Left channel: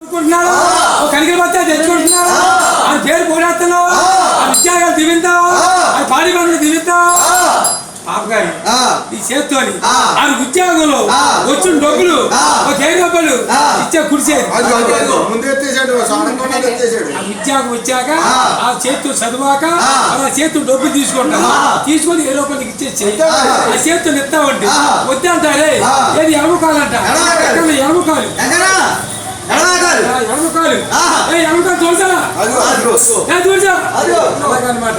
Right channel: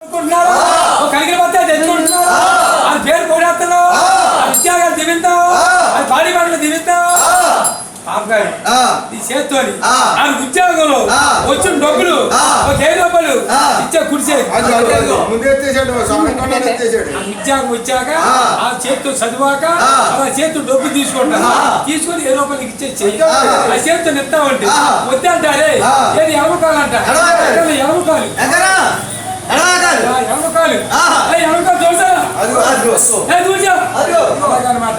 కనికలు పడితే తెచ్చుకుంటున్నావు అది పేరు పోరాడుతున్నావు అది ఉద్యోగాలు దివిస్తావు అది పాడి పనులు దివిస్తావు నీ చేత్తోని అది ఉద్యోగంలో వచ్చిన డబ్బులు ఒక 10 రూపాయలు ఇచ్చే కుడిసేది ఉద్యోగం వచ్చాక ఆ చేతితో చదివాక ఆ చేతితో డబ్బులు తీసుకుంటాను తీసుకొని 7 రూపాయలకి ఇచ్చేసి ఆ చేతితో ఇస్తామంటే వద్దంటారే ఏది ఎలమకాలంట ఎలమకాలు అనమాట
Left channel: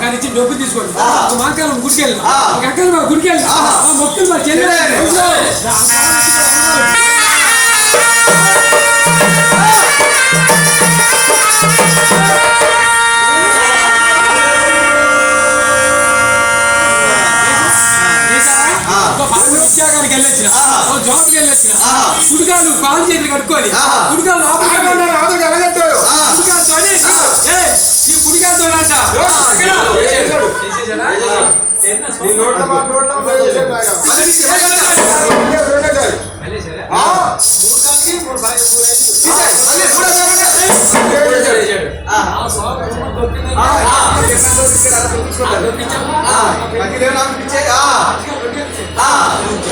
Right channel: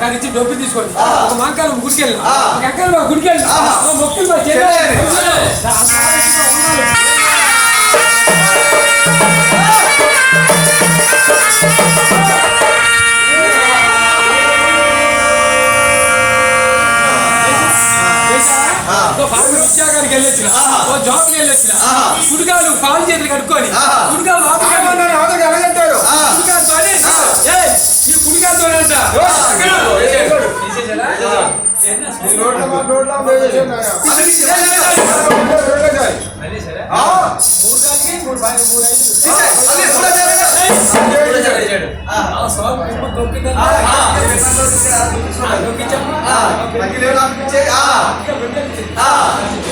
కానీ ఇచ్చి డబ్బు తీసుకోండి మాకాలం గుడికెళ్ళి ఎక్కడ మా గుడికెళ్ళి మొక్కులు మా ఉద్యోగానికి వెళ్ళొచ్చిన జాబ్కి వెళ్ళొచ్చిన కుడికాలు కాలు చేతులు కట్టుకొని కుడికాలు ఈ కుడికాలతో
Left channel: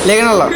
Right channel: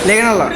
లేకనల్లా